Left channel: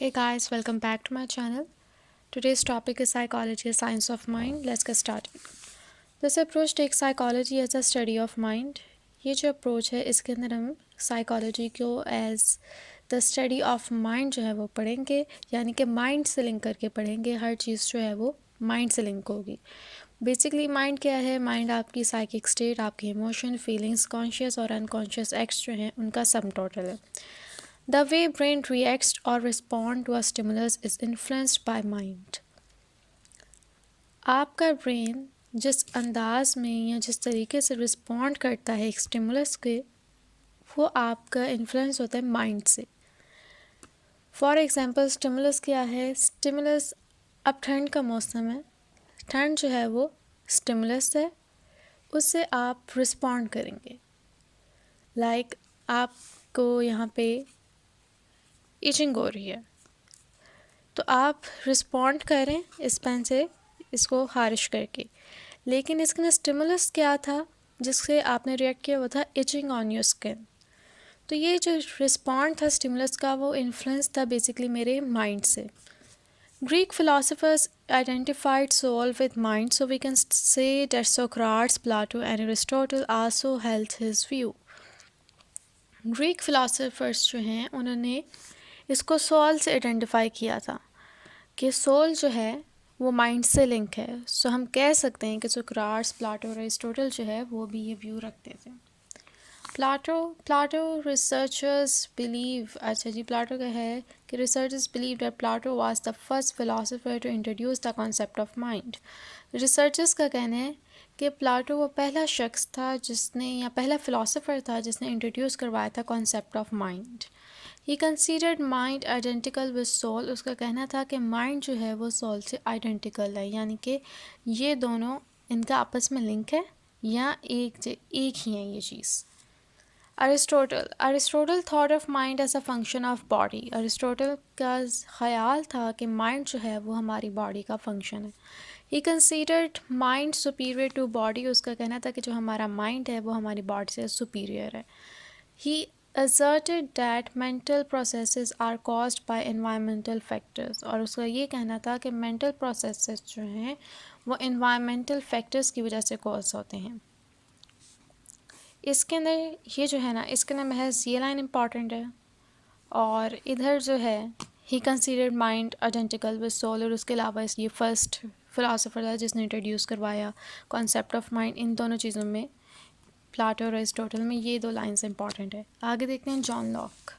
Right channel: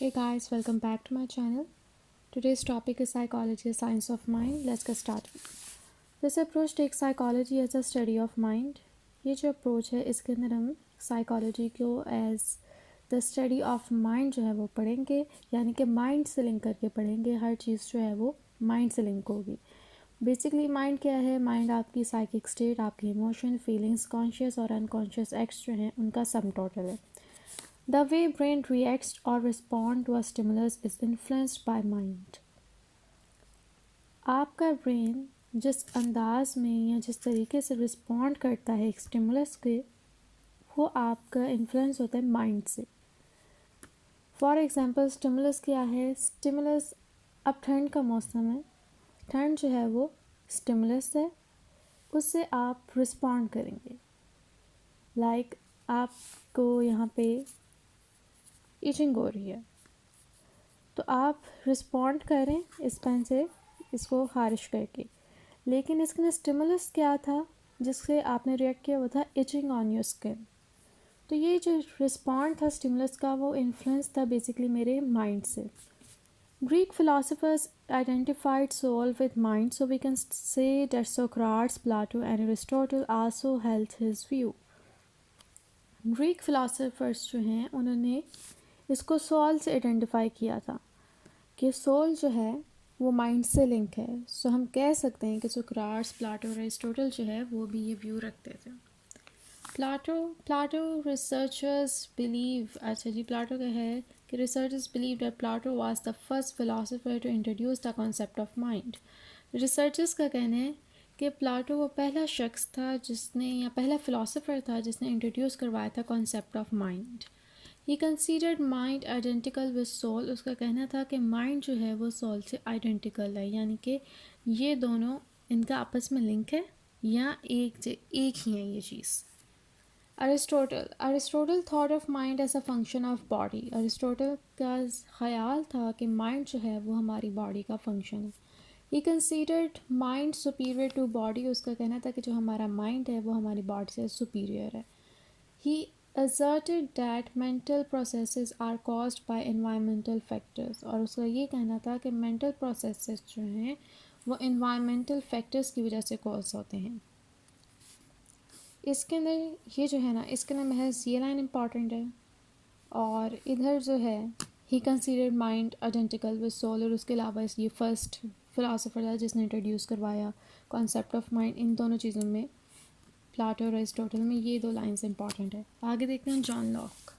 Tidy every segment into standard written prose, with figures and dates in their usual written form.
Hey guys, welcome back to my channel. Today's topic is psychology, a science of mind. Let's get started. This approach takes psychology as a study of mind. ये जो approach है इसके अंदर हम psychology को as the study of mind जो है वो पढ़ेंगे, यानी कि माइंड से लिंक करके पढ़ेंगे। हर चीज़ जो है वो माइंड से लिंक होगी। बेसिकली माइंड क्या है? माइंड आपकी साइकिक स्टेट, आपके इमोशन, फीलिंग्स, कॉन्शियस और अनकॉन्शियस एक्ट्स जो हैं उनका सम टोटल है। The way brain reacts or respond to a stimulus is influenced by mind. आपका ब्रेन जिस अंदाज में या जिस तरीके से रिस्पॉन्ड करता है एक स्टिमुलस के, वो आपका इन्फ्लुएंस होता है माइंड से। फॉर एग्जांपल स्टिमुलस क्या है? स्टिमुलस, अब ठंड का मौसम है, ठंड जो है वो स्टिमुलस है, उससे आप रिस्पॉन्ड करेंगे। लाइक आपको यहाँ पे इचिंग हो रही है तो आप रिस्पॉन्ड करें इस पेन से इसको खारिश करके, लेकिन इसके अंदर स्टिमुलस क्या था जिससे आपने रिएक्ट किया? वो था इचिंग ऑन योर स्किन। तो ये जो रिस्पॉन्ड था स्टिमुलस का, वो इन्फ्लुएंस था बेसिकली मेरे माइंड से। Greek philosophers identified soul with mind, so we can say that Socrates, Plato and Aristotle also held his view. Greek philosophers जो हैं उन्होंने इसको सोल से आइडेंटिफाई किया था कि सोल जो है वो माइंड से लिंक है। सो हम कह सकते हैं कि सोक्राट्स, प्लाटो और एरिस्टोटल जो है वो भी ये व्यू रखते थे। प्लाटो रिसर्चर्स बिलीव, अच्छा जी, प्लाटो का है कि researchers believe that Plato was the first philosopher to introduce the concept of mind. Researchers का कहना है कि प्लाटो वो पहला शख्स था जिसने, या पहला फिलोसोफर था जिसने इंट्रोड्यूस करवाया था concept of mind. He considered mind identical with soul. उसका कहना था कि माइंड जो है वो सोल से आइडेंटिकल है, यानी कि ये दोनों, इनका आपस में लिंक है या एक ही है ये चीज़। Aristotle thought of mind as a function of body. Aristotle का ख्याल था कि माइंड जो है वो हमारी बॉडी का फंक्शन है। He considered mind superior to body. उसका कहना था कि जो हमारा माइंड है वो हमारी बॉडी से सुपीरियर है। He asserted that mental processes are caused by environmental factors, और उसका ये कहना था कि mental processes जो हैं वो environmental factors की वजह से cause होते हैं। इसके अंदर ये जो है ना, इसके अंदर महज ये लाइन इम्पॉर्टेंट है, और इधर जो है he considered mind identical with soul, और उसके अलावा ये फर्स्ट फिलोसोफर था जिसने इंट्रोड्यूस करवाया कॉन्सेप्ट ऑफ माइंड। इन दोनों चीज़ों में, प्लाटो और एरिस्टोटल में, ये दो लाइन्स इंपॉर्टेंट है। आगे देखते हैं John Locke.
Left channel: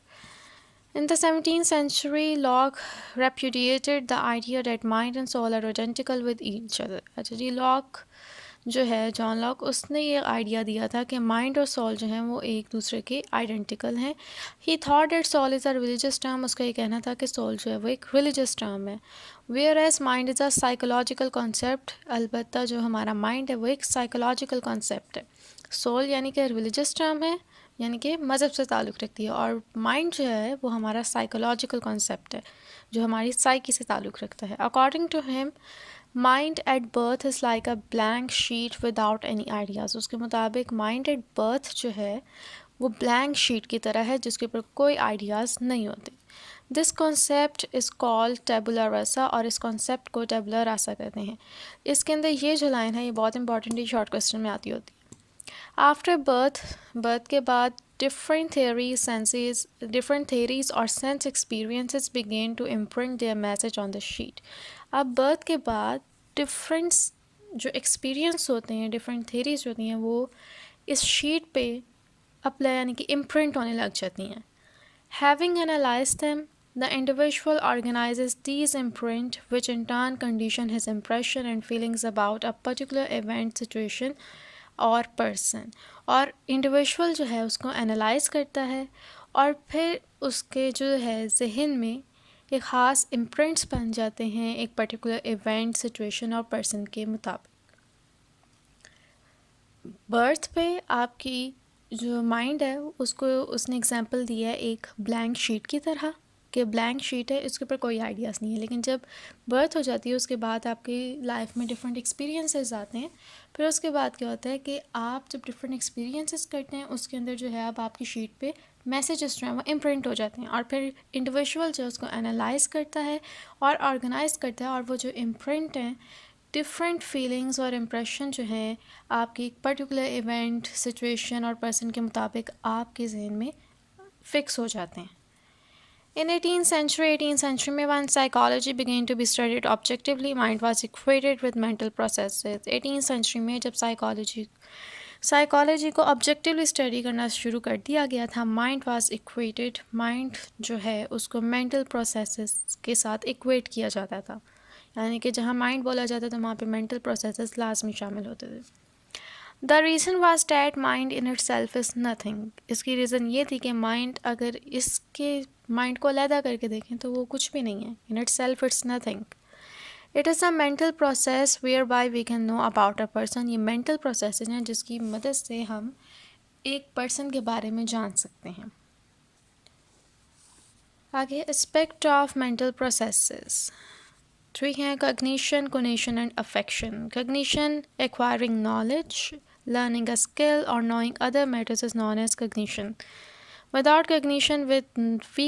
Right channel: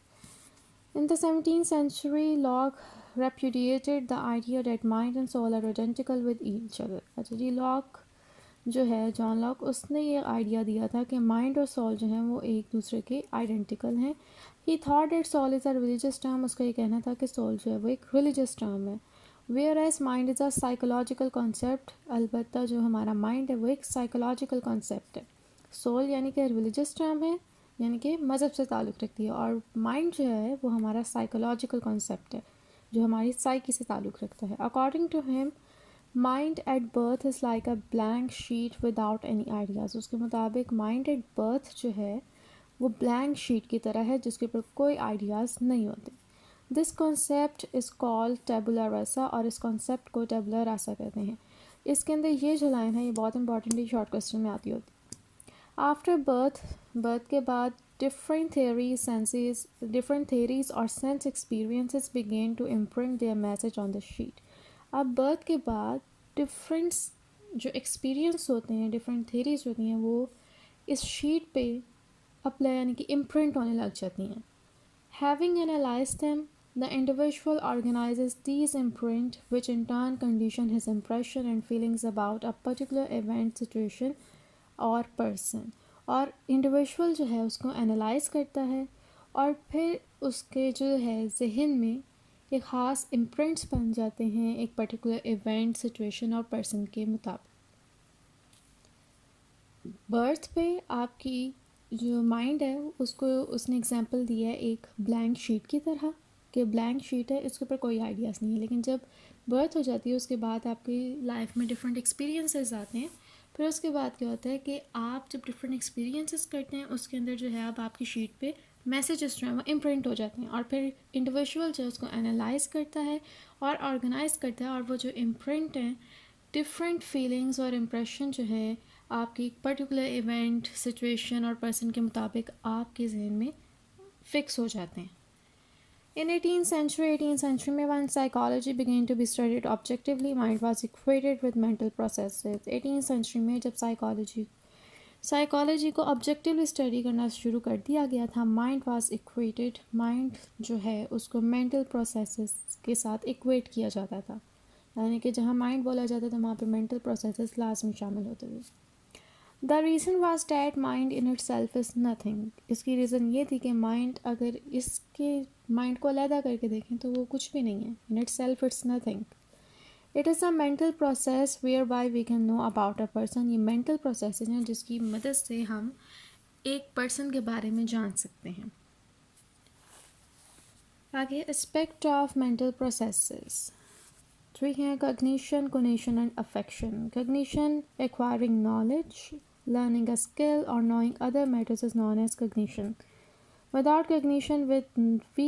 In the 17th century, Locke repudiated the idea that mind and soul are identical with each other. अच्छा जी, लॉक जो है, जॉन लॉक, उसने ये आइडिया दिया था कि माइंड और सोल जो हैं वो एक दूसरे के आइडेंटिकल हैं। He thought that soul is a religious term. उसका ये कहना था कि सोल जो है वो एक रिलीजियस टर्म है। Whereas mind is a psychological concept. अलबत्ता जो हमारा माइंड है वो एक साइकोलॉजिकल कॉन्सेप्ट है। सोल यानी कि रिलीजियस टर्म है, यानी कि मज़हब से ताल्लुक़ रखती है, और माइंड जो है वो हमारा साइकोलॉजिकल कॉन्सेप्ट है जो हमारी साइकी से ताल्लुक़ रखता है। According to him, mind at birth is like a blank sheet without any ideas. उसके मुताबिक माइंड एट बर्थ जो है वो ब्लैंक शीट की तरह है जिसके ऊपर कोई आइडियाज़ नहीं होते। दिस कॉन्सेप्ट इज़ कॉल्ड टेबुला रासा, और इस कॉन्सेप्ट को टेबुला रासा कहते हैं। इसके अंदर ये जो लाइन है ये बहुत इंपॉर्टेंट है, शॉर्ट क्वेश्चन में आती होती है। आफ्टर बर्थ के बाद different theories और sense experiences begin to imprint their message on the sheet। अब बर्थ के बाद डिफरेंट जो एक्सपीरियंस होते हैं, डिफरेंट theories होती हैं, वो इस शीट पे अप्लाई, यानी कि इम्प्रिंट होने लग जाती हैं। Having analyzed them, the individual organizes these imprint, which in turn condition his impression and feelings about a particular event, situation और पर्सन। और इंडिविजुअल जो है उसको एनालाइज करता है, और फिर उसके जो है जहन में एक ख़ास इम्प्रिंट्स बन जाते हैं एक पर्टिकुलर इवेंट, सिचुएशन और पर्सन के मुताबिक। बर्थ पे आपकी जो माइंड है उसको उसने एग्जांपल दिया है एक ब्लैंक शीट की तरह, कि ब्लैंक शीट है, इसके ऊपर कोई आइडियाज़ नहीं है। लेकिन जब बर्थ हो जाती है उसके बाद आपकी लाइफ में डिफरेंट एक्सपीरियंसेस आते हैं। फिर उसके बाद क्या होता है कि आप जब डिफरेंट एक्सपीरियंसेस करते हैं उसके अंदर जो है अब आपकी शीट पे मैसेजेस जो हैं वो इम्प्रिंट हो जाते हैं और फिर इंडिविजुअल जो है उसको एनालाइज करता है और ऑर्गेनाइज करता है, और वो जो इम्प्रिंट हैं डिफरेंट फीलिंग्स और इम्प्रेशन जो है आपकी एक पर्टिकुलर इवेंट, सिचुएशन और पर्सन के मुताबिक आपके जहन में फिक्स हो जाते हैं. In 18th century में when psychology began to be studied objectively, mind was equated with mental processes. 18th century में जब साइकोलॉजी को ऑब्जेक्टिवली स्टडी करना शुरू कर दिया गया था, माइंड वाज इक्वेटेड, माइंड जो है उसको मेंटल प्रोसेसेस के साथ इक्वेट किया जाता था. यानी कि जहाँ माइंड बोला जाता था वहाँ पे मेंटल प्रोसेसेस लाजमी शामिल होते थे. The reason was that mind in it self is nothing. इसकी रीज़न ये थी कि माइंड, अगर इसके माइंड को अलहदा करके देखें तो वो कुछ भी नहीं है. In itself it's nothing. It is a mental process whereby we can know about a person. ये मेंटल प्रोसेस हैं जिसकी मदद से हम एक पर्सन के बारे में जान सकते हैं. आगे एस्पेक्ट ऑफ मेंटल प्रोसेसेस 3 हैं. Cognition, conation and affection. Cognition, acquiring knowledge, learning a skill or knowing other matters is known as cognition. Without cognition we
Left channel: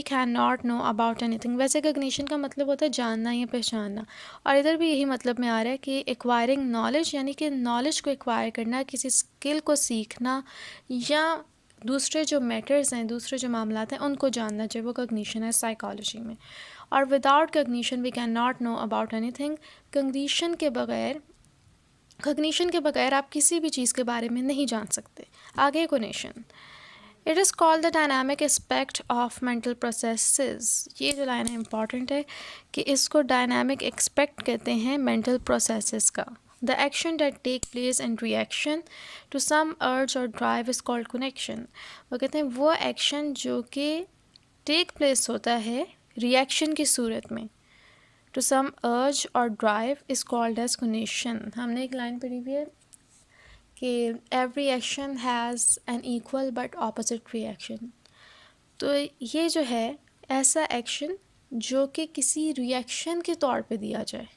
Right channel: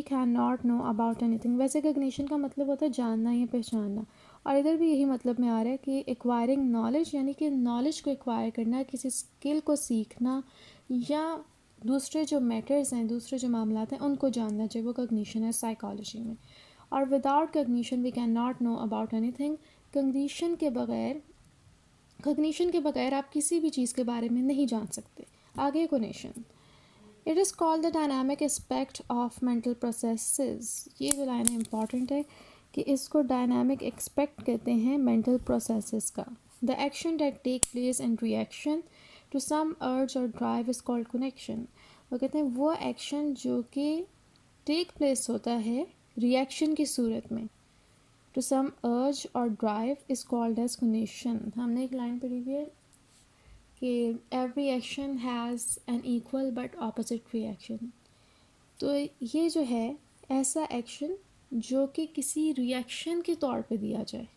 cannot know about anything. वैसे cognition का मतलब होता है जानना या पहचानना, और इधर भी यही मतलब में आ रहा है कि acquiring knowledge यानी कि knowledge को acquire करना, किसी skill को सीखना या दूसरे जो मैटर्स हैं, दूसरे जो मामलात हैं उनको जानना चाहिए, वो cognition है साइकोलॉजी में. और without cognition we cannot know about anything. Cognition के बगैर आप किसी भी चीज़ के बारे में नहीं जान सकते. आगे conation. It is called the dynamic aspect of mental processes. ये जो लाइन है इंपॉर्टेंट है कि इसको डायनामिक एस्पेक्ट कहते हैं मेंटल प्रोसेसेस का. The action that take place in reaction to some urge और ड्राइव इज़ कॉल्ड कनेक्शन. वो कहते हैं वो एक्शन जो कि टेक प्लेस होता है रिएक्शन की सूरत में, to some urge or drive is called as cognition. हमने एक लाइन पढ़ी हुई है कि every action has an equal but opposite reaction. तो ये जो है ऐसा एक्शन जो कि किसी रिएक्शन के तौर पे दिया जाए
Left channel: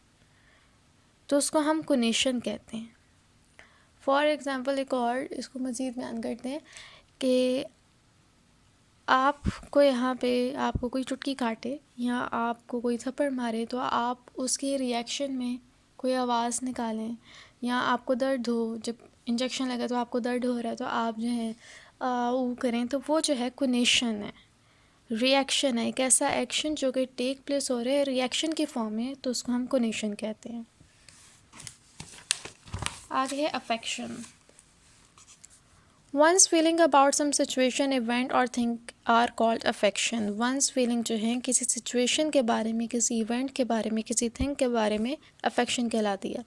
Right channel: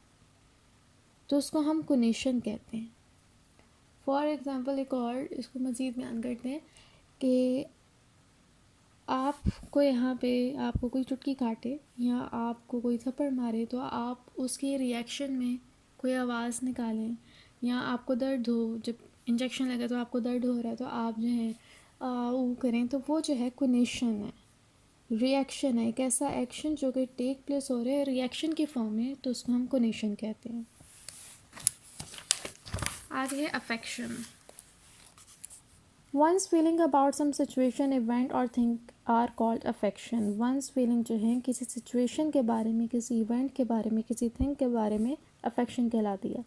तो उसको हम cognition कहते हैं. फॉर एग्ज़ाम्पल एक और इसको मज़ीद बयान करते हैं कि आपको यहाँ पे आपको कोई चुटकी काटे या आपको कोई थप्पड़ मारे तो आप उसके रिएक्शन में कोई आवाज़ निकालें, या आपको दर्द हो, जब इंजेक्शन लगा तो आपको दर्द हो रहा है तो आप जो है वो करें, तो वो जो है कोनेशन है, रिएक्शन है, एक ऐसा एक्शन जो कि टेक प्लेस हो रहा है रिएक्शन की फॉर्म में, तो उसको हम कोनेशन कहते हैं. आगे है affection. One's feeling about some situation, event or thing are called affection. One's feeling जो है किसी situation के बारे में, किसी event के बारे में, किसी thing के बारे में affection कहलाती है.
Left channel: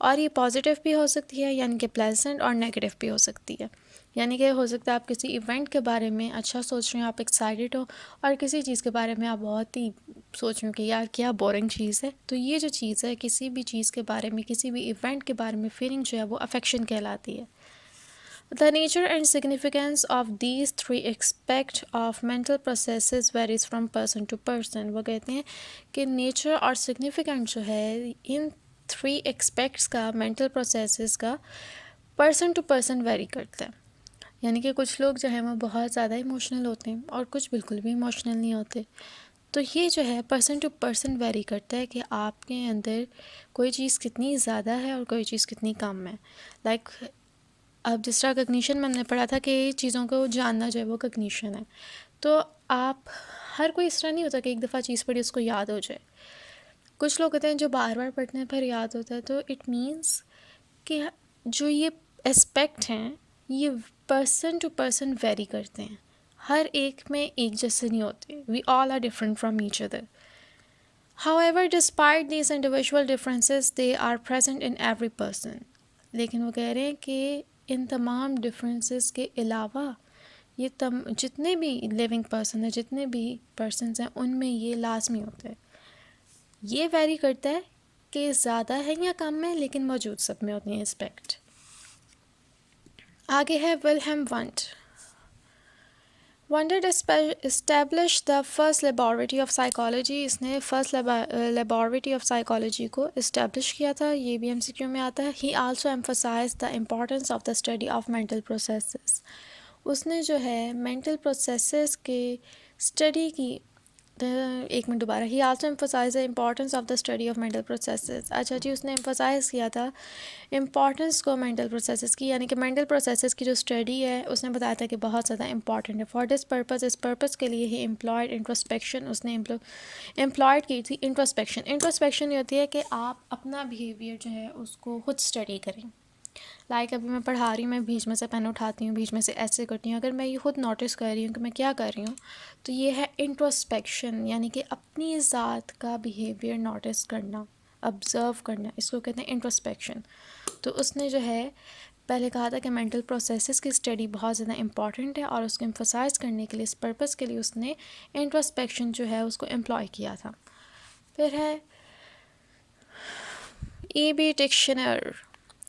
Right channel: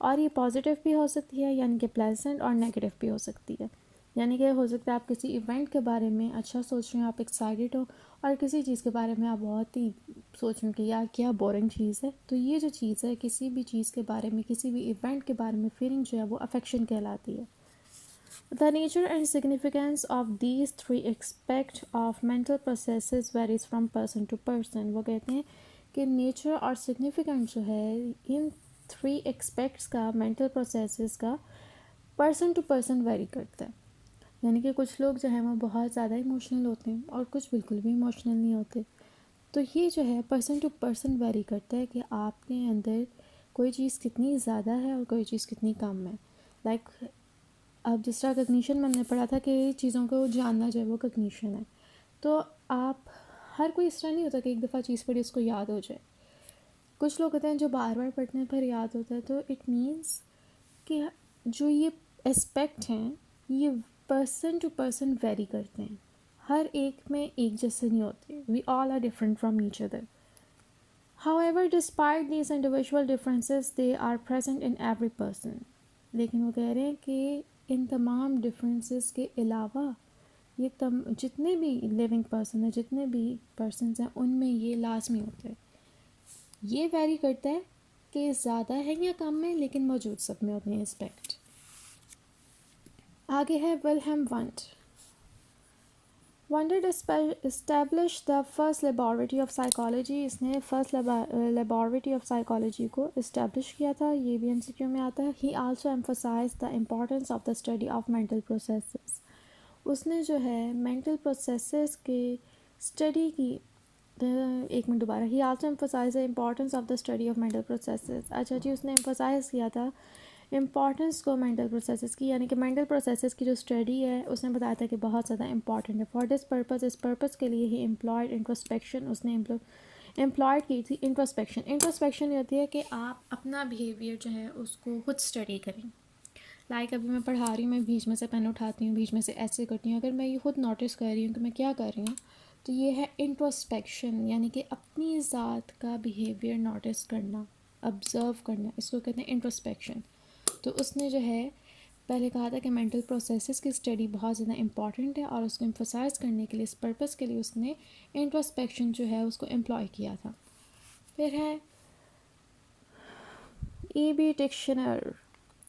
और ये पॉजिटिव भी हो सकती है यानी कि प्लेजेंट, और नेगेटिव भी हो सकती है. यानी कि हो सकता है आप किसी इवेंट के बारे में अच्छा सोच रहे हो, आप एक्साइटेड हो, और किसी चीज़ के बारे में आप बहुत ही सोच रहे हो कि यार क्या बोरिंग चीज़ है. तो ये जो चीज़ है किसी भी चीज़ के बारे में, किसी भी इवेंट के बारे में फीलिंग जो है वो अफेक्शन कहलाती है. The nature and significance of these 3 aspects of mental processes varies from person to person. वो कहते हैं कि नेचर और सिग्निफिकेंट जो है इन 3 एस्पेक्ट्स का, मेंटल प्रोसेसेस का, पर्सन टू पर्सन वेरी करता है. यानी कि कुछ लोग जो है वो बहुत ज़्यादा इमोशनल होते हैं और कुछ बिल्कुल भी इमोशनल नहीं होते. तो ये जो है पर्सन टू पर्सन वेरी करता है कि आपके अंदर कोई चीज़ कितनी ज़्यादा है और कोई चीज़ कितनी कम है. लाइक अब जिस तरह कॉग्निशन में हमने पढ़ा था कि चीज़ों को जानना जो है वो कॉग्निशन है. तो आप हर कोई इस तरह नहीं होता कि एक दफ़ा चीज़ पढ़ी उसको याद हो जाए. कुछ लोग होते हैं जो बार बार पढ़ते हैं फिर याद होता है. तो इट मीन्स कि जो ये एस्पेक्ट हैं ये पर्सन टू पर्सन वेरी करते हैं, हर एक में एक जैसे नहीं होते. We all are different from each other. However, despite these individual differences, they are present in every person. लेकिन वो कह रहे हैं कि इन तमाम डिफरेंसेस के अलावा ये जितने भी लिविंग पर्सन हैं, जितने भी पर्सनस हैं, उनमें ये लाजमी होता है. ये वेरी करता है कि ज़्यादा है या कम है, लेकिन मौजूद सब में होती हैं एस्पेक्ट. आगे है Wilhelm want. Wundt established the first laboratory of psychology. इसने फर्स्ट laboratory of psychology को establish किया था. ये भी MCQ में आता है. He also emphasized the importance of the study of mental processes. उसने जो है मेंटल प्रोसेसेस के स्टडी की। एक मिनट दोबारा, he also emphasise the importance of the study of mental processes. अच्छा जी, उसने एम्फोसाइज किया था इम्पॉर्टेंस को मेंटल प्रोसेसेस की, यानी कि मेंटल प्रोसेसेस की जो स्टडी है उसने बताया था कि बहुत ज़्यादा इंपॉर्टेंट है। फॉर दिस पर्पस, इस पर्पस के लिए ही एम्प्लॉयड इंट्रोस्पेक्शन, उसने एम्प्लॉयड की थी इंट्रोस्पेक्शन। इंट्रोस्पेक्शन ये होती है कि आप अपना बिहेवियर जो है उसको खुद स्टडी करें। लाइक अभी मैं पढ़ा रही हूँ, मैं बीच में से पेन उठाती हूँ, बीच में से ऐसे करती हूँ, अगर मैं ये खुद नोटिस कर रही हूँ कि मैं क्या कर रही हूँ, तो ये है इंट्रोस्पेक्शन, यानी कि अपनी ज़ात का बिहेवियर नोटिस करना, ऑब्ज़र्व करना, इसको कहते हैं इंट्रोस्पेक्शन। तो उसने जो है पहले कहा था कि मेंटल प्रोसेसेस की स्टडी बहुत ज़्यादा इंपॉर्टेंट है, और उसको एम्फोसाइज करने के लिए, इस पर्पस के लिए उसने इंट्रोस्पेक्शन जो है उसको एम्प्लॉय किया था। फिर है E.B. Dictionary.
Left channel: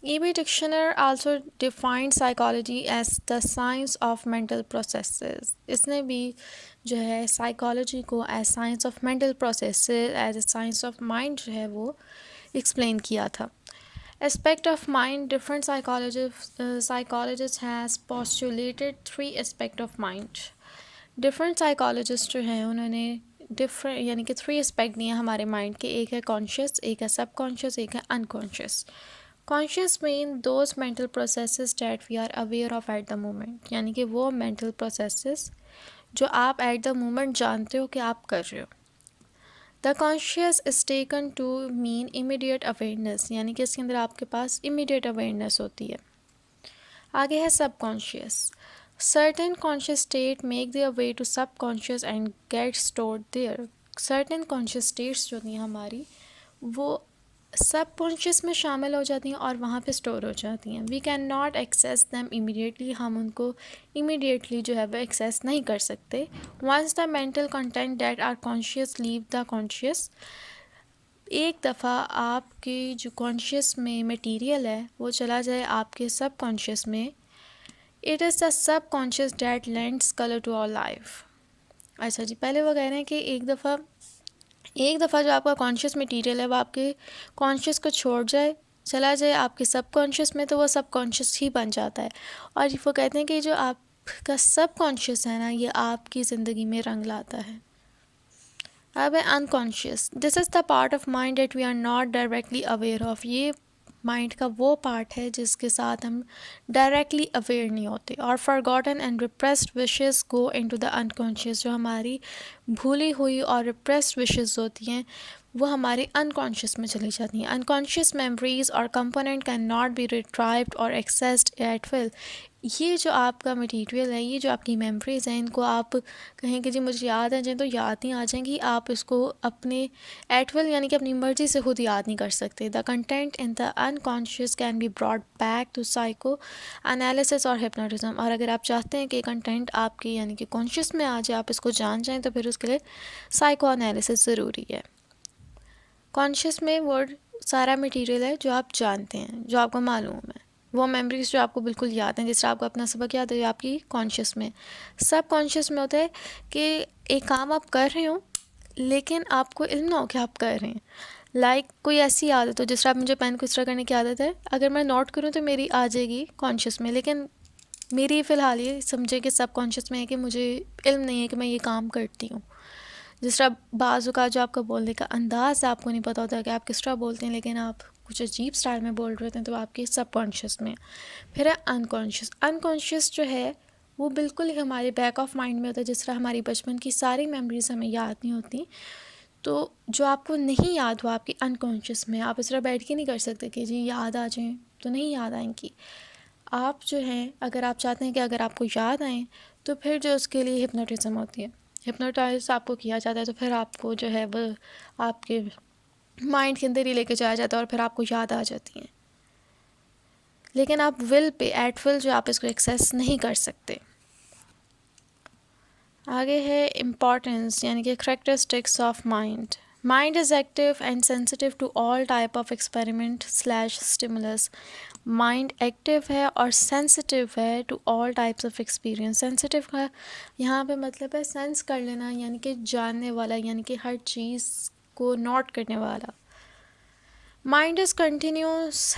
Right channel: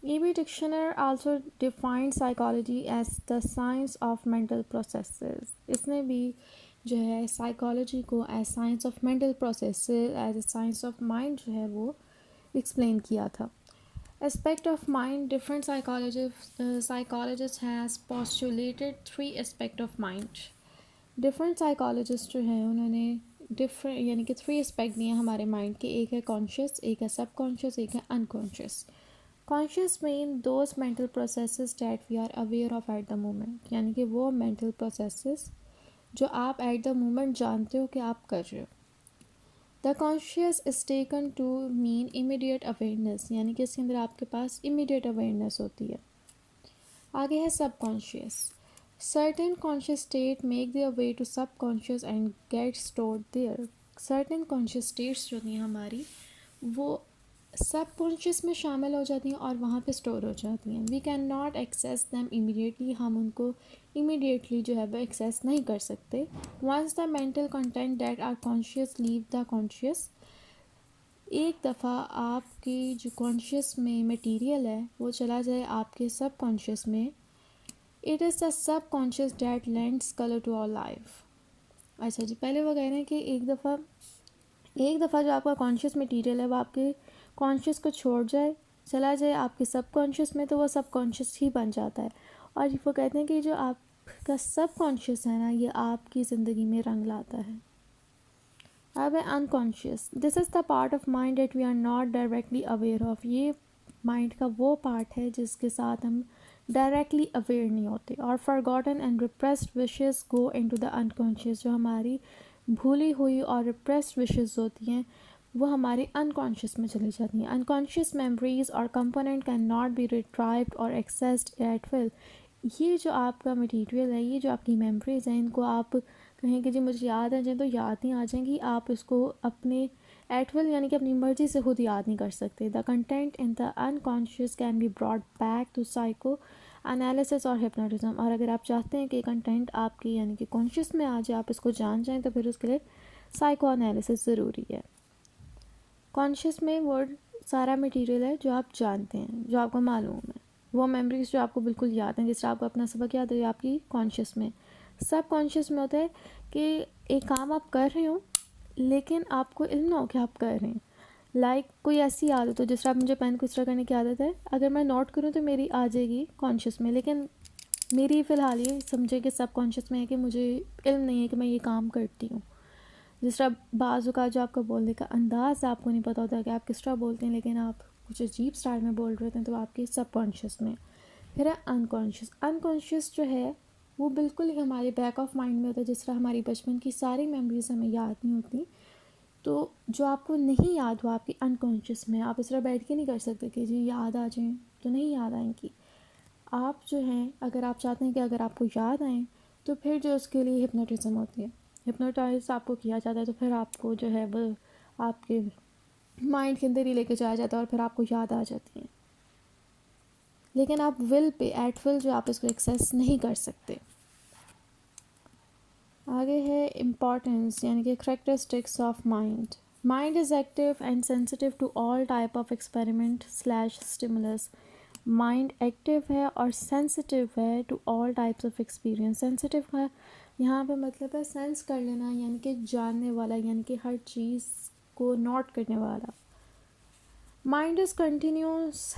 E.B. Dictionary also defined psychology as the science of mental processes. इसने भी जो है साइकोलॉजी को as science of mental processes, as a science of mind जो है वो एक्सप्लेन किया था। Aspect of mind, different psychologists has postulated 3 aspect of mind. Different psychologist जो हैं उन्होंने डिफरेंट यानी कि 3 एस्पेक्ट दिए हमारे माइंड के। एक है कॉन्शियस, एक है सब कॉन्शियस, एक है unconscious. Conscious mean those mental processes that we are aware of at the moment, यानी कि वो मेंटल प्रोसेसेस जो आप एट द मोमेंट जानते हो कि आप कर रहे हो। The conscious is taken to mean immediate awareness, यानी कि इसके अंदर आपके पास इमीडिएट अवेयरनेस होती है। आगे है सब conscious. Certain conscious state make their way to subconscious and get stored there. Certain conscious states जो थी हमारी, वो सबकॉन्शियस में शामिल हो जाती हैं और वहाँ पे स्टोर हो जाती हैं। We can not access them immediately, हम उनको इमीडिएटली जो है वो एक्सेस नहीं कर सकते। Once the mental content that are conscious leave the conscious, एक दफ़ा आपकी जो कॉन्शियस में मटीरियल है वो चला जाए आपके सबकॉन्शियस में, it is the subconscious that lends colour to our life. अच्छा जी, पहले वो कह रहे हैं कि एक दफ़ा जो आपका कॉन्शियस मटीरियल है वो आपके कॉन्शियस को छोड़ जाए, चला जाए आपके सब कॉन्शियस में, तो वो सब कॉन्शियस ही बन जाता है। और वो कहते हैं कि जो आपका सब कॉन्शियस है ना, ये आपकी ज़िंदगी में रंग लाता है। अब है unconscious. This is the part of mind that we are not directly aware of. ये माइंड का वो पार्ट है जिसके साथ हम डायरेक्टली अवेयर नहीं होते। और forgotten and repressed wishes go into the unconscious. जो हमारी भूली हुई और रिप्रेस्ड विशेस होती हैं वो हमारी अनकॉन्शियस में चली जाती हैं। अनकॉन्शियस मेमोरीज और कंपोनेंट कैन नॉट बी रिट्राइव्ड और एक्सेस्ड एट विल। ये जो आपका मटीरियल है, ये जो आपकी मेमोरीज़ हैं, इनको आप कहें कि जी मुझे याद आ जाए तो याद नहीं आ जाएंगी। आप इसको अपने एट विल यानी कि अपनी मर्ज़ी से खुद याद नहीं कर सकते। The content in the unconscious can be brought back to psychoanalysis और हिप्नोटिज्म। और अगर आप चाहते हैं कि कंटेंट आपकी यानी कि कॉन्शियस में आ जाए, आप इसको जान जाएँ, तो फिर उसके लिए साइको एनालिसिस ज़रूरी है। कॉन्शियस में वो सारा मटीरियल है जो आप जानते हैं, जो आपको मालूम है, वो मेमोरीज जो आपको बिल्कुल याद हैं। जैसे आपको अपना सबक याद है, आपकी कॉन्शियस में। सब कॉन्शियस में होता है कि एक काम आप कर रहे हो लेकिन आपको इल्म ना हो कि आप कर रहे हैं। लाइक कोई ऐसी आदत हो, जिस तरह मुझे पेन को इस तरह करने की आदत है, अगर मैं नोट करूँ तो मेरी आ जाएगी कॉन्शियस में, लेकिन मेरी फ़िलहाल ये समझे कि सब कॉन्शियस में है कि मुझे इल्म नहीं है कि मैं ये काम करती हूँ। जिस तरह बाज़ का जो आपका बोलने का अंदाज़ आपको नहीं पता होता कि आप किस तरह बोलते हैं, लेकिन आप कुछ अजीब स्टाइल में बोल रहे होते हैं, तो आपके सबकॉन्शियस में। फिर है अनकॉन्शियस। अनकॉन्शियस जो है वो बिल्कुल ही हमारे बैक ऑफ माइंड में होता है। जिस तरह हमारी बचपन की सारी मेमोरीज हमें याद नहीं होती, तो जो आपको नहीं याद हुआ आपकी अनकॉन्शियस में, आप इस तरह बैठ के नहीं कर सकते कि जी याद आ जाए, तो नहीं याद आएंगी। आप जो हैं, अगर आप चाहते हैं कि अगर आपको याद आएँ, तो फिर जो उसके लिए हिप्नोटिज्म होती है, हिप्नोटाइज आपको किया जाता है, तो फिर आपको जो है वो आपके माइंड के अंदर ही लेके जाया जाता है और फिर आपको याद आ जाती हैं। लेकिन आप विल पे एट विल जो आप इसको एक्सेस नहीं कर सकते। आगे है इम्पॉर्टेंस यानी कि characteristics of mind. Mind is active and sensitive to all type of experiment slash stimulus. Mind active है और सेंसिटिव है to all types of experience. Sensitive का यहाँ पे मतलब है सेंस कर लेना, यानी कि जानने वाला, यानी कि हर चीज़ को नोट करने वाला। Mind is continuous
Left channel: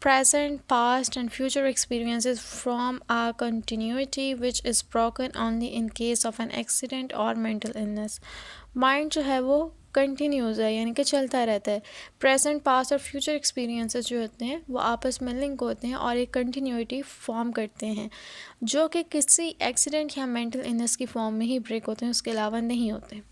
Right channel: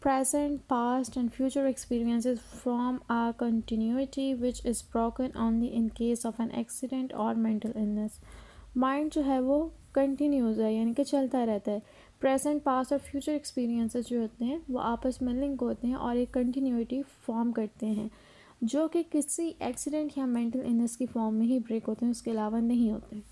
present, past and future experiences from a continuity which is broken only in case of an accident or mental illness. Mind जो है वो कंटिन्यूस है, यानी कि चलता रहता है. प्रेजेंट, पास्ट और फ्यूचर एक्सपीरियंसेस जो होते हैं वो आपस में लिंक होते हैं और एक कंटिन्यूटी फॉर्म करते हैं, जो कि किसी एक्सीडेंट या मेंटल इलनेस की फॉर्म में ही ब्रेक होते हैं, उसके अलावा नहीं होते.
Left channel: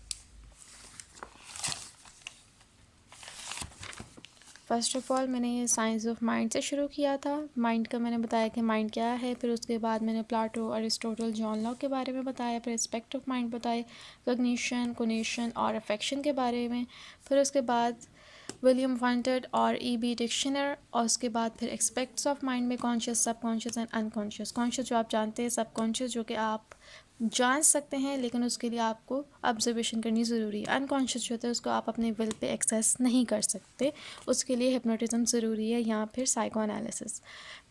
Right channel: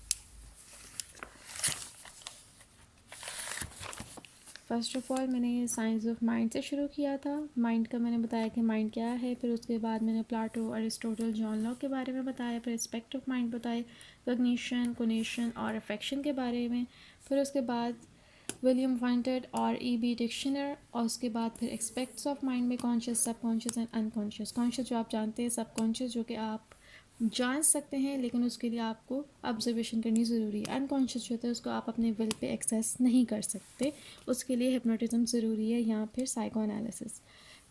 फ़र्स्ट ऑफ़ ऑल मैंने ये साइंस ऑफ माइंड से शुरू किया था. माइंड का मैंने बताया कि माइंड क्या है, फिर उसके बाद मैंने प्लाटो, अरिस्टोटल, जॉन लॉक के बारे में बताया, फिर एस्पेक्ट ऑफ माइंड बताए, कॉग्निशन, कोनेशन और अफेक्शन के बारे में, फिर उसके बाद विलियम वंटेड और ई.बी. डिक्शनर, और उसके बाद फिर एस्पेक्ट्स ऑफ माइंड में कॉन्शियस, सब कॉन्शियस एंड अनकॉन्शियस. कॉन्शियस जो आप जानते हैं, सब कॉन्शियस जो कि आप जान सकते हैं लेकिन उसके लिए आपको ऑब्जर्वेशन करनी ज़रूरी है. अनकॉन्शियस जो होता है उसको आप अपने विल पे एक्सेस नहीं कर सकते, उसके लिए हिप्नोटिज्म ज़रूरी है या फिर साइको एनालिसिस.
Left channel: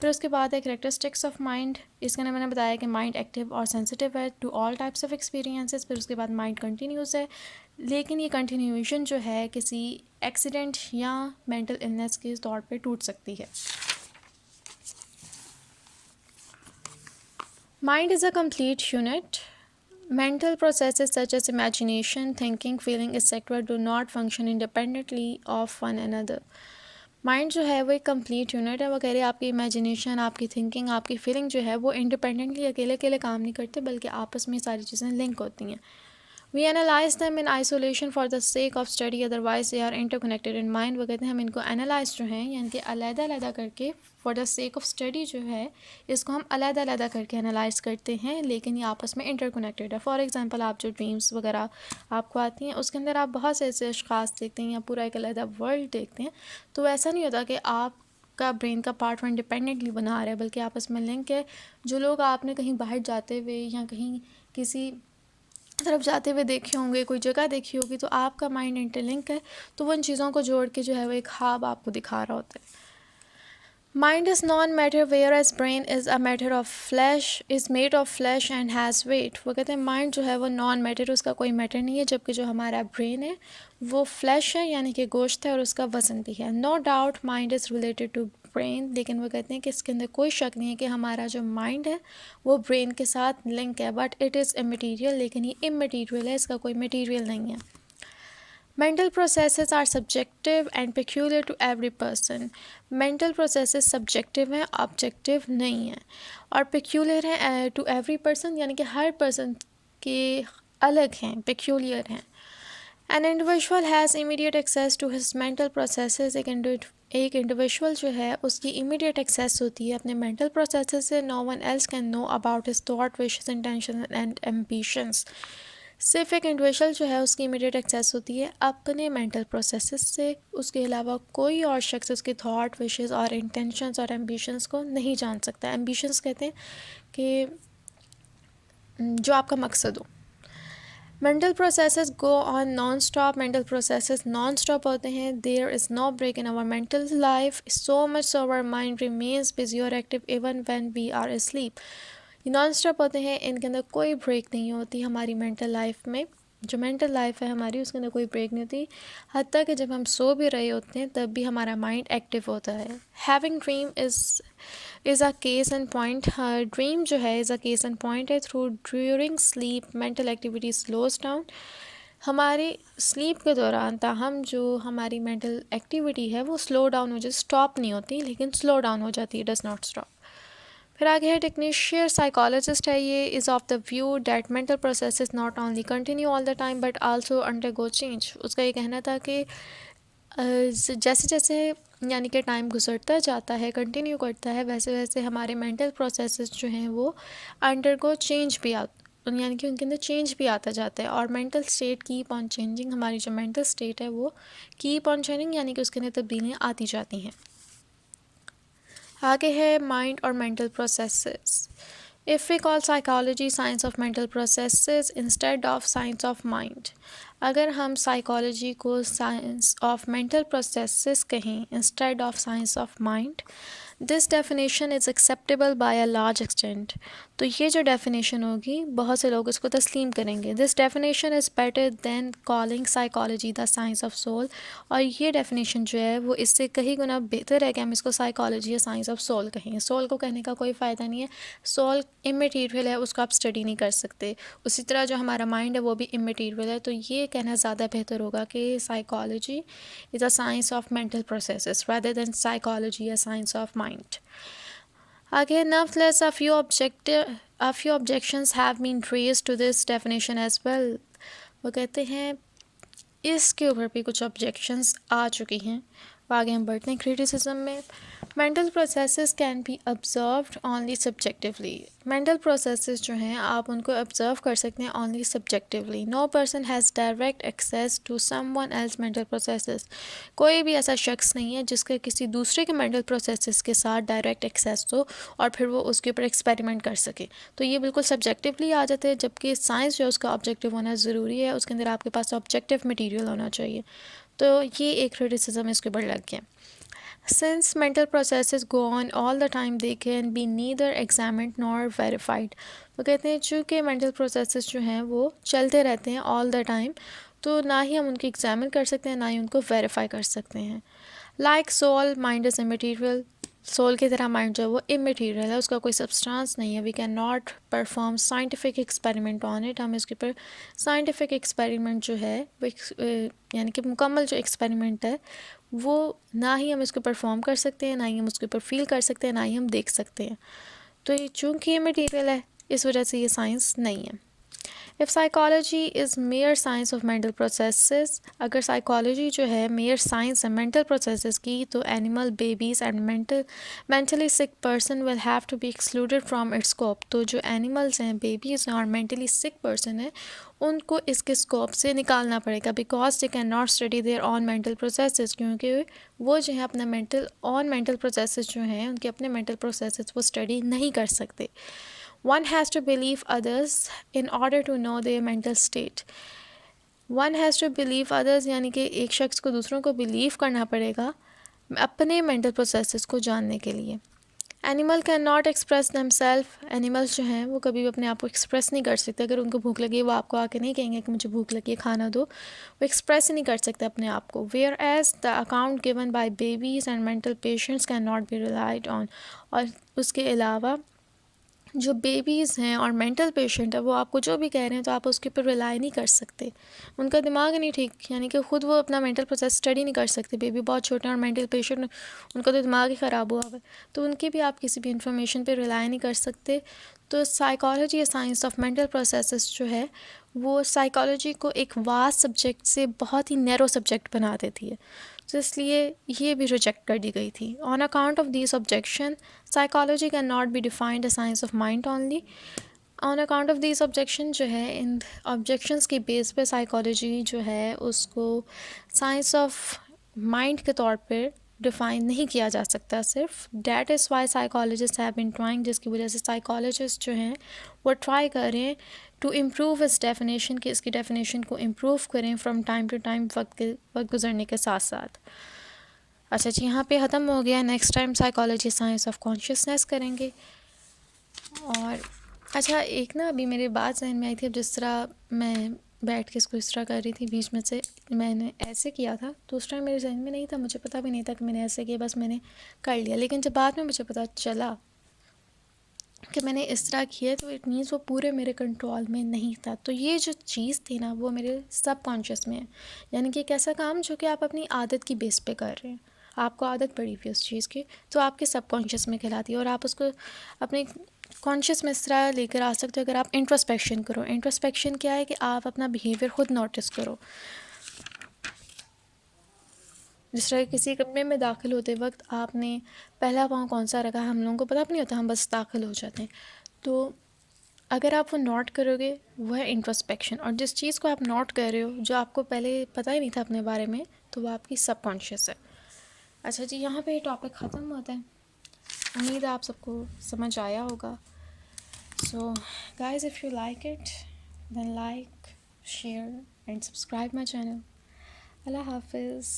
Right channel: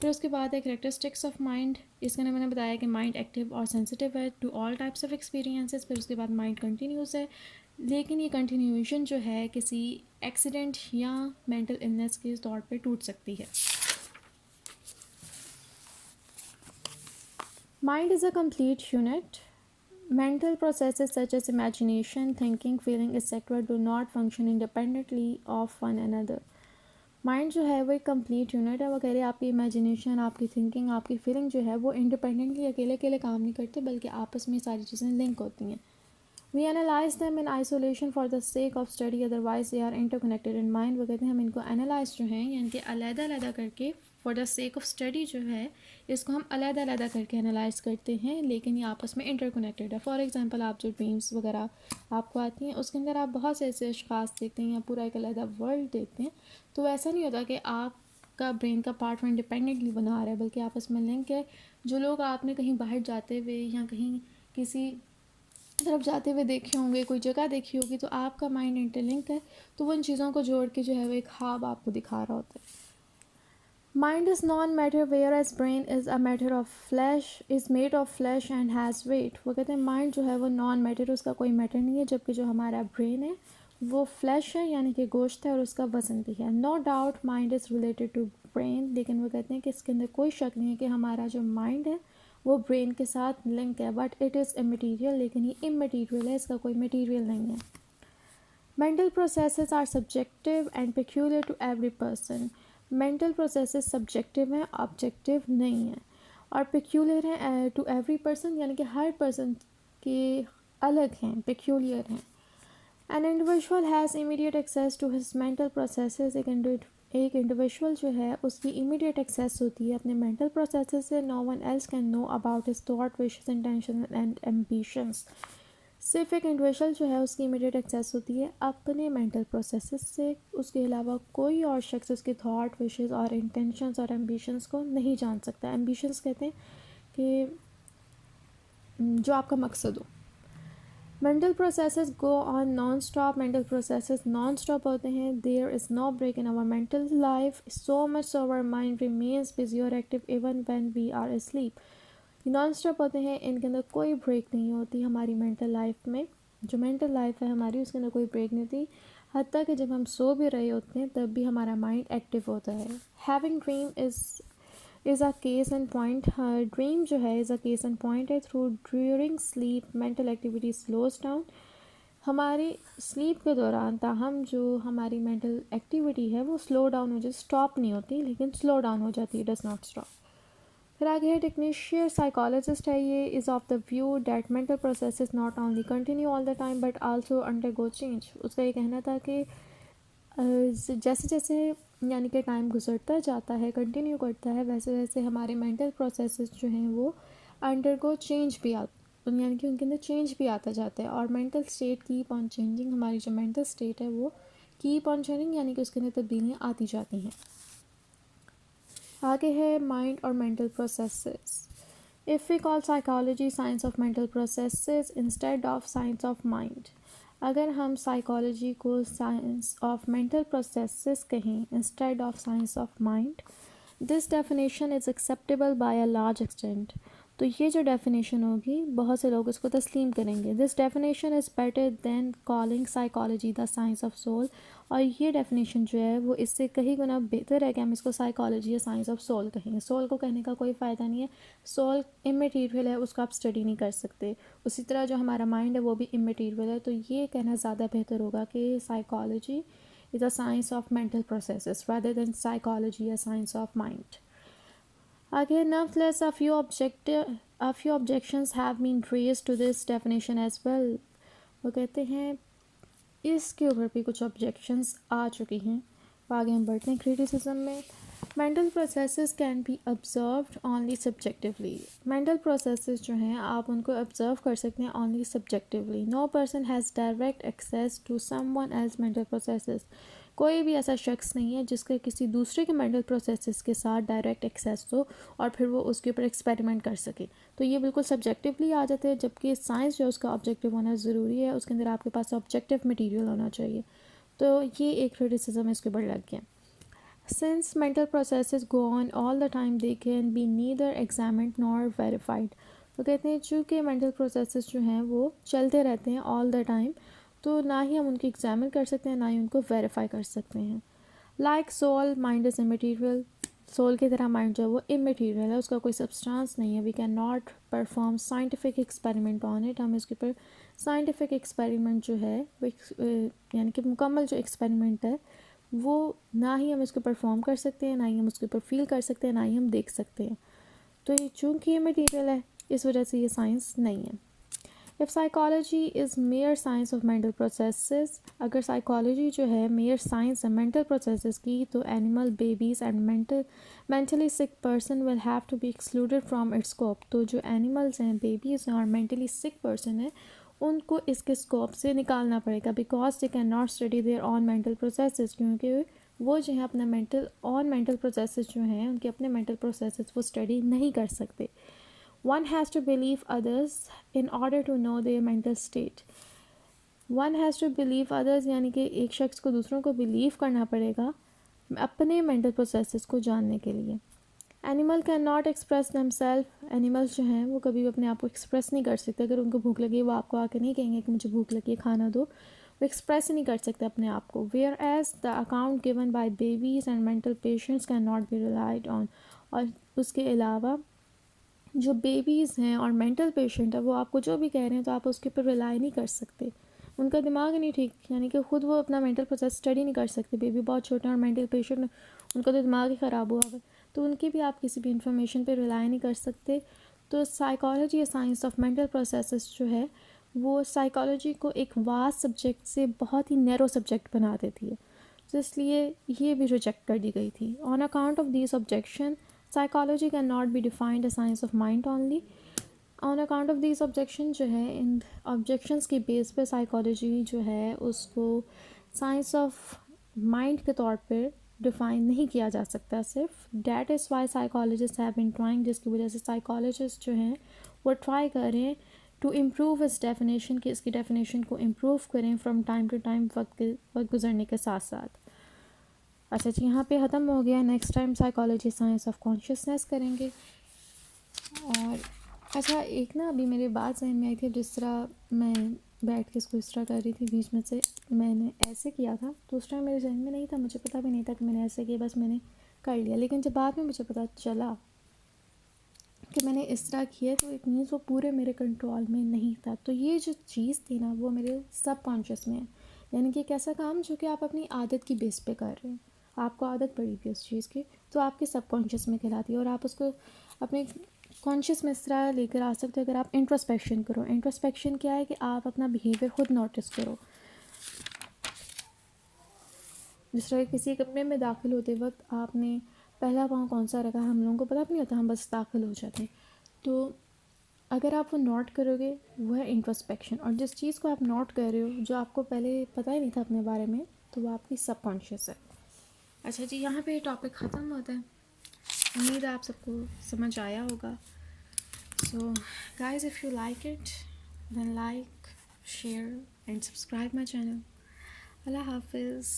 फिर उसके बाद है कैरेक्टरिस्टिक्स ऑफ माइंड. इसके अंदर मैंने बताया कि माइंड एक्टिव और सेंसिटिव है to all types of experiences. फिर उसके बाद माइंड कंटिन्यूस है, लेकिन ये कंटिन्यूएशन जो है किसी एक्सीडेंट या मेंटल इलनेस के तौर पे टूट सकती है. Mind is a complete unit. Mental processes such as imagination, thinking, feeling, etc. do not function independently of one another. Mind जो है वो एक कंप्लीट यूनिट है. वो कह रहे हैं आपकी इमेजिनेशन, आपकी थिंकिंग, आपकी फीलिंग जो है वो इंडिपेंडेंटली अकेले अकेले काम नहीं करते, बल्कि आपस में सारी चीज़ें लिंक होती हैं. We analyse them in isolation for the sake of study, otherwise they are interconnected in mind. वो कहते हैं हम इनको एनालाइज जो हैं यानी कि अलग-अलग करके for the sake of study जो है इसको हम अलग-अलग करके एनालाइज करते हैं, लेकिन ये आपस में इंटरकनेक्टेड है. फॉर एग्जांपल आप जो ड्रीम्स वगैरह आपको आती हैं उसके अंदर आप बहुत से ऐसे अशख़ास देखते हैं या पूरा एक अलग वर्ल्ड देखते हैं, तो ऐसा नहीं होता कि आप का ब्रेन का पार्ट वो इंडिपेंडेंटली बना रहा है, बल्कि आपस में लिंक है. जो लोग आपने कहीं बाहर जाते हुए या कहीं किसी तरफ जाते हुए देखे होंगे, कोई जगह देखी होगी, तो आपका माइंड इंटरलिंक है, तो वो उन चीज़ों को जोड़ के जो है वो एक ख्वाब आपको दिखा रहा होता है. Mind is non matter whereas brain is a matter of flesh, is made of flesh and has weight. वो कहते हैं माइंड जो है वो नॉन मैटर, उसका कोई मैटर नहीं है, जबकि जो हमारा ब्रेन है वो फ्लैश है यानी कि गोश्त है और उसका वज़न भी है. No doubt mind is related to brain, लेकिन वो कहते हैं कि इसके अंदर कोई शक नहीं है कि हमारा जो माइंड है वो ब्रेन के साथ लिंक है, बट इट इज़ इमटेरियल. लेकिन ये इमटेरियल है, इसका कोई मटेरियल नहीं है. Mental processes are subjective and peculiar to every person. Mental processes subjective हैं, objective नहीं हैं, और peculiar हैं to every person, यानी कि हर person के अलग हैं, peculiar हैं. An individual has immediate access to his mental processes. एक इंडिविजुअल जो है उसकी इमीडिएट एक्सेस होती है अपने मेंटल प्रोसेसेस से. No one else can know about his thought, wishes, intention and ambitions. सिर्फ एक इंडिविजुअल जो है उसकी इमीडिएट एक्सेस होती है अपने मेंटल प्रोसेसेस से, उसके अलावा कोई और शख्स उसके थॉट, विशेस और इंटेंशंस और एम्बिशंस को नहीं जान सकता. एम्बिशंस कहते हैं कि जो आपका मकसद हो. Mental processes go on non stop. Mental processes non stop होते हैं. There is no break in our mental life, so much so our mind remains busy और active even when we are asleep. ये non stop होते हैं, इनके अंदर कोई break नहीं होती. हमारी मेंटल लाइफ में जो मेंटल लाइफ है हमारी, उसके अंदर कोई ब्रेक नहीं होती. हत्ता कि जब हम सो भी रहे होते हैं तब भी हमारा माइंड एक्टिव होता है. Having dream is a case and point. Dream जो है is a case and point है. Through during sleep mental activity slows down. हमारे स्लीप के दौरान ताहम जो हमारी मेंटल एक्टिविटी है वो स्लो डाउन हो जाती, स्टॉप नहीं होती लेकिन स्लो डाउन हो जाती है, डज नॉट स्टॉप. फिर आगे है टेक्नीशियन साइकोलॉजिस्ट है. ये is of the view that mental process not only continue all the time but also undergo change. उसका ये कहना था कि जैसे जैसे यानी कि टाइम गुजरता जाता है, कंटिन्यू करता है, वैसे वैसे हमारे मेंटल प्रोसेसेस जो हैं वो अंडरगो चेंज भी यानी कि उनके अंदर चेंज भी आता जाता है. और mental state keep on changing. हमारी जो मेंटल स्टेट है वो कीप ऑन चेंजिंग यानी कि उसके अंदर तब्दीलियाँ आती जाती हैं. आगे है माइंड और mental processes. If we call psychology science of mental processes instead of science of mind. अगर हम साइकोलॉजी को साइंस ऑफ मेंटल प्रोसेसेस कहें instead of science of mind, this definition is acceptable by a large extent. तो ये जो definition होगी बहुत से लोग इसको तस्लीम करेंगे। This definition is better than calling psychology the science of soul. और ये डेफिनेशन जो है वो इससे कहीं गुना बेहतर है कि हम इसको साइकोलॉजी या साइंस ऑफ सोल कहें। सोल को कहने का कोई फ़ायदा नहीं है, सोल इमेटीरियल है, उसको आप स्टडी नहीं कर सकते। उसी तरह जो हमारा माइंड है वो भी इमेटीरियल है। तो ये कहना ज़्यादा बेहतर होगा कि psychology is a science of mental processes rather than psychology, a science of mind. Again, nevertheless, a few objections have been raised to this definition as well. वो कहते हैं इसके ऊपर भी कुछ ऑब्जेक्शंस आ चुकी हैं। आगे हम बढ़ते हैं क्रिटिसिज्म में। Mental processes can be observed only subjectively. Mental processes जो हैं आप उनको ऑब्जर्व कर सकते हैं only subjectively. No person has direct access to someone else mental processes. कोई भी ऐसा शख्स नहीं है जिसके किसी दूसरे के मेंटल प्रोसेसेस के साथ डायरेक्ट एक्सेस हो और फिर वो उसके ऊपर एक्सपेरिमेंट कर सके। तो ये बिल्कुल सब्जेक्टिवली आ जाते हैं, जबकि साइंस जो है उसका ऑब्जेक्टिव होना ज़रूरी है, उसके अंदर आपके पास ऑब्जेक्टिव मटीरियल होना चाहिए। तो ये एक क्रिटिसिज्म इसके ऊपर लग गया। Since mental processes go on all the time, they can be neither examined nor verified. वो कहते हैं चूँकि mental processes जो हैं वो चलते रहते हैं all the time, तो ना ही हम उनको एग्जामिन कर सकते हैं ना ही उनको वेरीफाई कर सकते हैं। Like soul, mind is immaterial. Soul की तरह माइंड जो है वो इमेटीरियल है, उसका कोई सब्सटेंस नहीं है। We can not perform scientific experiment on it. हम इसके ऊपर साइंटिफिक एक्सपेरिमेंट जो है वो यानी कि मुकम्मल जो एक्सपेरिमेंट है वो ना ही हम इसको परफॉर्म कर सकते हैं, ना ही हम उसके ऊपर फील कर सकते हैं, ना ही हम देख सकते हैं। तो ये चूँकि ये मटीरियल है इस वजह से ये साइंस नहीं है। If psychology is mere science of mental processes, अगर साइकोलॉजी जो है मेयर साइंस है मेंटल प्रोसेसेस की, तो animal, babies and mentally sick person will have to be excluded from its scope. तो जो एनिमल्स हैं, बेबीज़ हैं और मेंटली सिक पर्सन है उनको इसके स्कोप से निकालना पड़ेगा, because they can not study their own mental processes, क्योंकि वो जो है अपना मेंटल प्रोसेसेस जो हैं उनके अपने मेंटल प्रोसेसेस वो स्टडी नहीं कर सकते। One has to believe others in order to know their mental state. One has to believe others यानी कि एक शख्स को दूसरों को बिलीव करना पड़ेगा अपने मेंटल प्रोसेसेस को जानने के लिए। Animal can not express themself. Animals जो हैं वो कभी भी अपने आप को एक्सप्रेस नहीं कर सकते। अगर उनको भूख लगी वो आपको आके नहीं कहेंगे कि मुझे भूख लगी है खाना दो, वो एक्सप्रेस ही नहीं कर सकते अपने आप को। Whereas the account given by babies and mental patients can not be relied on. और उसके अलावा जो बेबीज़ हैं और मेंटल पेशेंट है वो आपको जो भी कह रहे हैं तो आप उसके ऊपर रिलाई नहीं कर सकते। उनका दिमाग नहीं ठीक, यानी कि ख़ुद वो अपना मेंटल प्रोसेस स्टडी नहीं कर सकते। बेबी बहुत छोटे हैं और मेंटल पेशेंट उनका तो दिमाग ही ख़राब हुआ है, तो उनकी भी आप किसी भी इंफॉर्मेशन पे रिलाई नहीं कर सकते। तो साइकोलॉजी या साइंस ऑफ मेंटल प्रोसेसेस जो है वो साइकोलॉजी को एक वास्ट सब्जेक्ट से बहुत ही नैरो सब्जेक्ट बना देती है, तो इसलिए ये भी रिजेक्ट कर दी गई थी। On account of this objection psychology can not be defined a science of mind only. On account of this objection जो है, इन ऑब्जेक्शंस के बेस पे साइकोलॉजी जो है उसको साइंस ऑफ माइंड के तौर पर डिफ़ाइन नहीं किया जा सकता सिर्फ। That is why psychologist have been trying, जिसकी वजह से साइकोलॉजिस्ट जो हैं वो ट्राई कर रहे हैं टू इम्प्रूव इस डेफिनेशन की, इसकी डेफिनेशन को इम्प्रूव करें फ्रॉम टाइम टू टाइम, वक्त गुजरने के साथ साथ। अच्छा जी, यहाँ पे ख़त्म हो गया। Next time psychology science of consciousness करेंगे। और अच्छा, एक ना अभी मेरे बात जहन में आई थी, अब जिस तरह मैं बैठ के इसको इस तरह कर रही थी, बीच में से मैंने ऐसे किया था, तो उस टाइम मेरे जहन में नहीं था, मुझे पता भी नहीं था कि मैंने ऐसे किया, बस मैंने कर लिया। लेकिन जब बाद में मुझे पता चला कि मैंने इस तरह किया तो इट मीन्स वो पूरे मेरे कंट्रोल में नहीं था। तो ये जो चीज़ थी ना वो मेरे सबकॉन्शियस में है, यानी कि एक ऐसा काम जो कि आप अपनी आदत की बेस पे कर रहे हैं, आपको आदत पड़ी हुई उस चीज़ की, तो आपके सबकॉन्शियस में कहलाती है और आप उसको अपने कॉन्शियस में इस तरह लेकर आ सकते हो अगर आप इंट्रोस्पेक्शन करो। इंट्रोस्पेक्शन क्या है कि आप अपना बिहेवियर खुद नोटिस करो। जिस तरह किसी कमरे में दाखिल होते वक्त आपने पहला पाँव कौन सा रखा, हम लोगों को पता भी नहीं होता, हम बस दाखिल हो जाते हैं। तो अगर आप वो नोट करोगे वो है इंट्रोस्पेक्शन, और जिस चीज़ को आप नोट कर रहे हो जो आपको पहले पता ही नहीं था अपने बारे में, तो वो आपकी सबकॉन्शियस है। अच्छा जी, यहाँ पे टॉपिक ख़त्म होता है। उम्मीद है आप सबको समझ आया होगा। So guys, if you like it then like, share and subscribe my channel. Allah हाफिज़।